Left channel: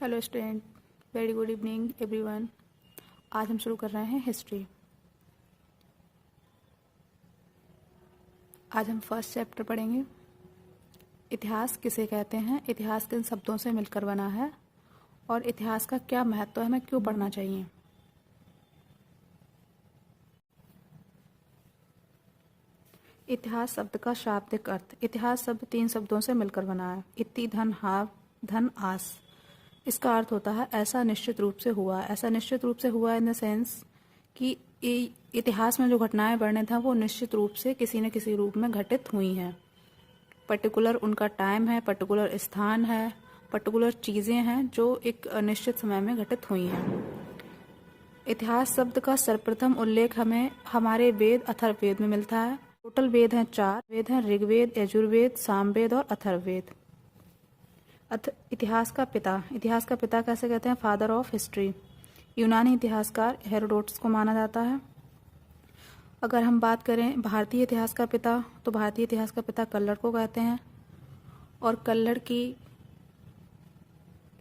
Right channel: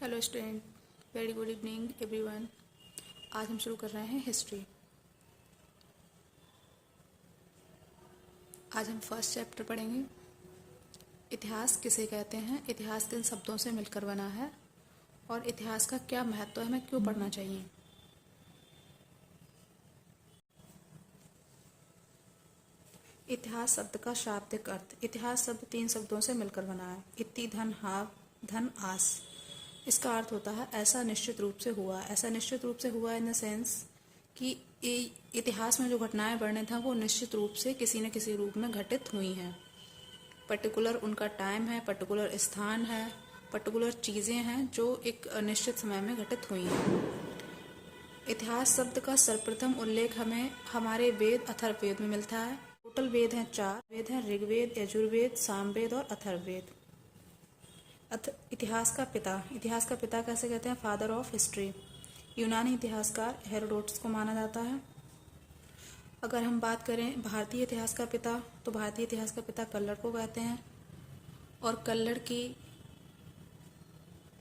Hello student, very good evening everyone. आज हम शुरू कर रहे हैं हिस्ट्री। आज हम फर्स्ट चैप्टर पढ़ेंगे। इतिहास किसे कहते हैं, इतिहास किन शब्दों से मिलकर बना है और इतिहास का क्या महत्व है, हमें क्यों पढ़ना चाहिए। इतिहास शब्द का शाब्दिक अर्थ। इतिहास शब्द 3 शब्दों से मिलकर बना है। इति धन हाव धन आस। इसका अर्थ होता है ऐसा निश्चित रूप से हुआ। ऐसा निश्चित रूप से हुआ इन द सेंस कि इतिहास में जो घटनाएं वर्णित हैं वो निश्चित रूप से किसी न किसी रूप में घटित हुई हैं। पर्टिकुलर उनका टाइम है, पर्टिकुलर स्थान है, पर्टिकुलर चीज़ें हैं जो एक निश्चित समय में घटित हुई हैं। इतिहास शब्द का सर्वप्रथम उल्लेख हमें हमारे वेद अथर्ववेद में मिलता है। टोटल वेद हैं 4 वेद हैं, ऋग्वेद, यजुर्वेद, सामवेद और अथर्ववेद। इतिहास का पिता। इतिहास का पिता कैसे कहते हैं? Father of history. यूनानी इतिहासकार हेरोडोटस को माना जाता है। अगर हम बात करें भारतीय इतिहास का पिता, तो भारतीय इतिहास का पिता कल्लड़ को कहते हैं और कल्लड़ की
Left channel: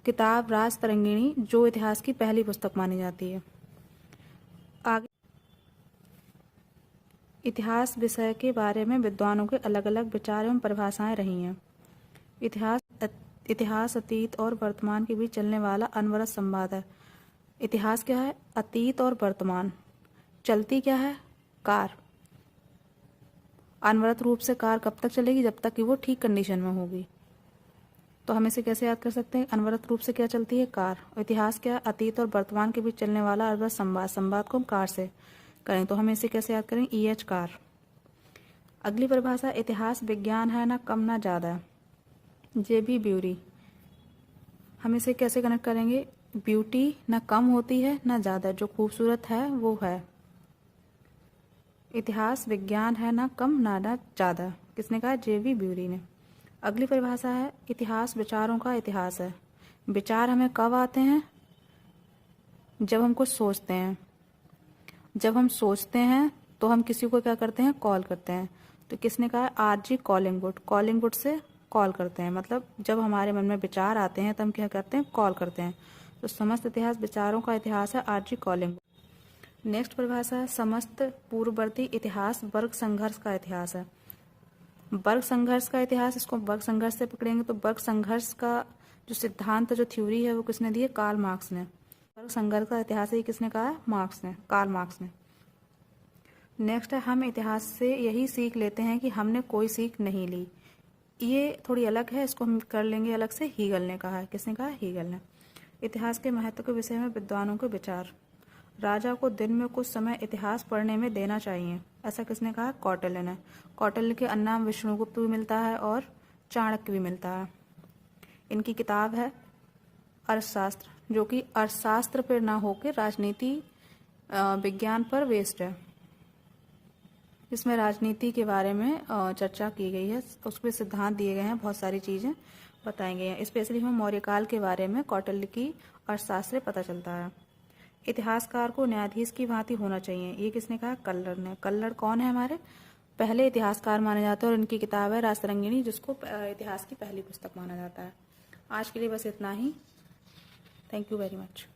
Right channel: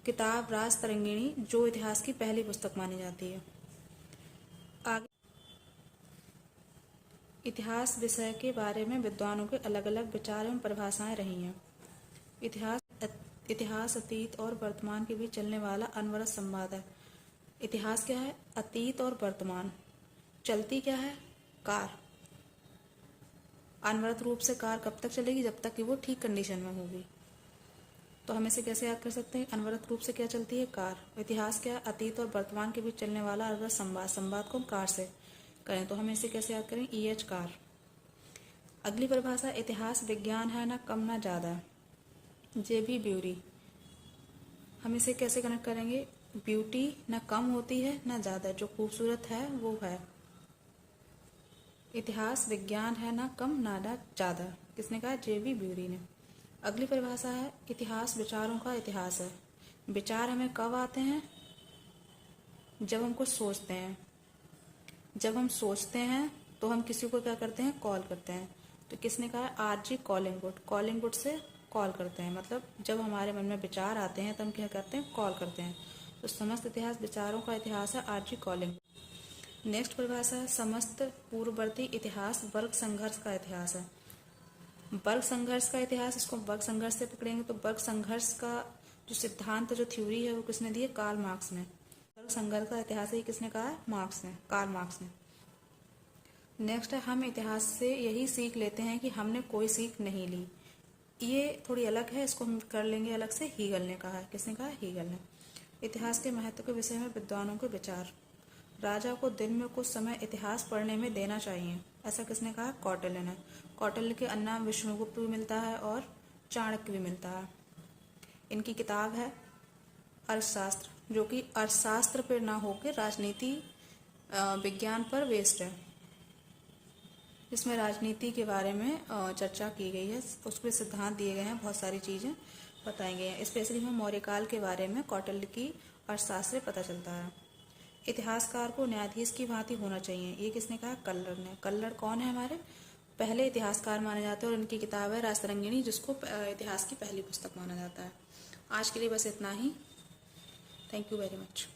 किताब राज तरंगिणी जो इतिहास की पहली पुस्तक मानी जाती है। आगे इतिहास विषय के बारे में विद्वानों के अलग अलग विचार एवं परिभाषाएं रही हैं। इतिहास अतीत और वर्तमान के बीच चलने वाला अनवरत संवाद है। इतिहास क्या है? अतीत और वर्तमान। चलती क्या है? कार। अनवरत रूप से कार कब तक चलेगी? जब तक कि वो ठीक कंडीशन में होगी। तो हम इसे कैसे याद कर सकते हैं? अनवरत रूप से क्या चलती है? कार। इतिहास क्या है? अतीत और वर्तमान के बीच चलने वाला अनवरत संवाद। संवाद को हम कार से करें तो हम इसे कैसे याद करें? EH car. अगली परिभाषा, इतिहास विज्ञान है, ना कम ना ज्यादा। JB bury. हम इसे कैसे कनेक्ट करेंगे? ब्यूटी ना कम होती है ना ज्यादा, जो खूबसूरत है वो है। इतिहास विज्ञान है, ना कम ना ज्यादा। किसने कहा? JB ब्यूरी ने। अगली परिभाषा है, इतिहास विचारों का इतिहास है। विचार हमें कब आते हैं? जब हम कुछ सोचते हैं। जब हम सोचते हैं तो हम किसी को क्या करते हैं? कॉल करते हैं। तो किसने कहा? RG Collingwood. कॉलिंगवुड से कॉल करते हैं, मतलब जब हमारे मन में विचार आते हैं तो हम क्या करते हैं? कॉल करते हैं। तो समस्त इतिहास विचारों का इतिहास है, RG कॉलिंगवुड। नेक्स्ट परिभाषा है, समस्त पूर्ववर्ती इतिहास वर्ग संघर्ष का इतिहास है। वर्ग संघर्ष का इतिहास, इसको वर्ग संघर्ष से पकड़ेंगे तो वर्ग संघर्ष का जो सिद्धांत, जो थ्योरी है वो किसने दी है? कार्ल मार्क्स ने। वर्ग संघर्ष का इतिहास है, किसने कहा है? मार्क्स ने, कार्ल मार्क्स ने। नेक्स्ट है, हम इतिहास से यही सीख लेते हैं कि हमने कोई सीख नहीं ली। ये थोड़ी अलग है, इसको हम कर लेंगे अलग से। हीगल ने कहा है। किसने कहा? हीगल ने। इतिहास के महत्व के विषय में विद्वानों के विचार। राजा को दिन में कुछ समय इतिहास पढ़ने में देना चाहिए, ऐसा किसने कहा? कौटिल्य ने। कौटिल्य के अन्नाम विष्णुगुप्त भी मिलता है और चाणक्य भी मिलता है। इनकी किताब है अर्थशास्त्र, जो कि अर्थशास्त्र पर ना होकर राजनीति विज्ञान पर बेस्ड है। इसमें राजनीति के बारे में चर्चा की गई है, उसके सिद्धांत दिए गए हैं, बहुत सारी चीज़ें बताई गई हैं। स्पेशली हमें मौर्यकाल के बारे में कौटिल्य की अर्थशास्त्र से पता चलता है। इतिहासकार को न्यायाधीश की भांति होना चाहिए, ये किसने कहा? कल्लड़ ने। कल्लड़ कौन है? हमारे पहले इतिहासकार माने जाते हैं और उनकी किताब है राजतरंगिणी, जिसको इतिहास की पहली पुस्तक माना जाता है। आज के लिए बस इतना ही। Thank you very much.